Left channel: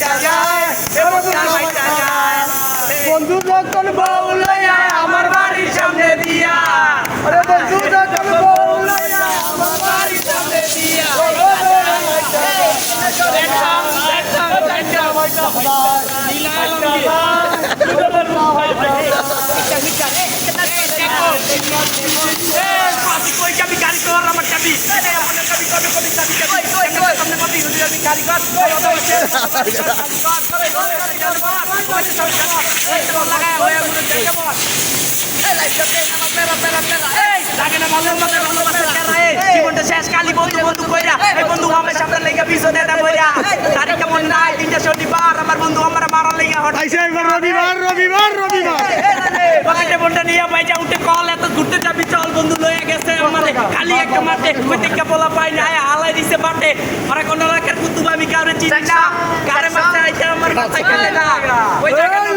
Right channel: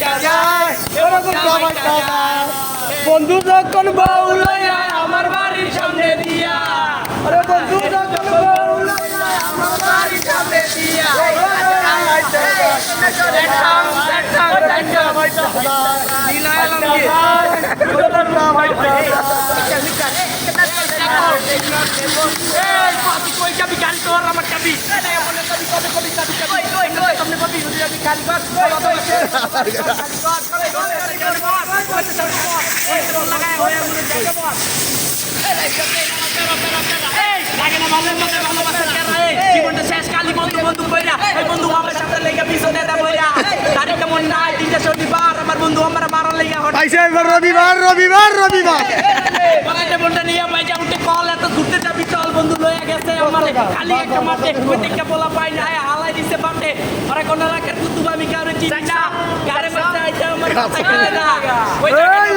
বাইটা যায় এ বুকটা বাইটা যায় বন্ধু যখন বউ লইয়া আমার বাড়ির সামনে দিয়া আরে বন্ধু যখন বউ লইয়া আমার বাড়ির সামনে দিয়া জীবনটা শেষ কালি বন্ধু বন্ধু কইরা এই বন্ধু আমার সামনে লেগে পিছনে এটা কইরা গাড়ি কেমন নাই তিনটা শনিবার আমার বন্ধু আমার মারার লেগে হঠাৎ রবিবার রবিবার রবিবার বাগানে বন্ধু নিয়ে বাইজা উঠে বন্ধু লইয়া গেছে আমার খালি একটা মাঠে প্রতিজ্ঞা বলা পাই না। হালাই দিছে মাঠে। ওরা কোন রাখার কুতুব আমি কারে চিনি না। কারে মাঠে আইছে আমার কথা না? ওই জায়গাটা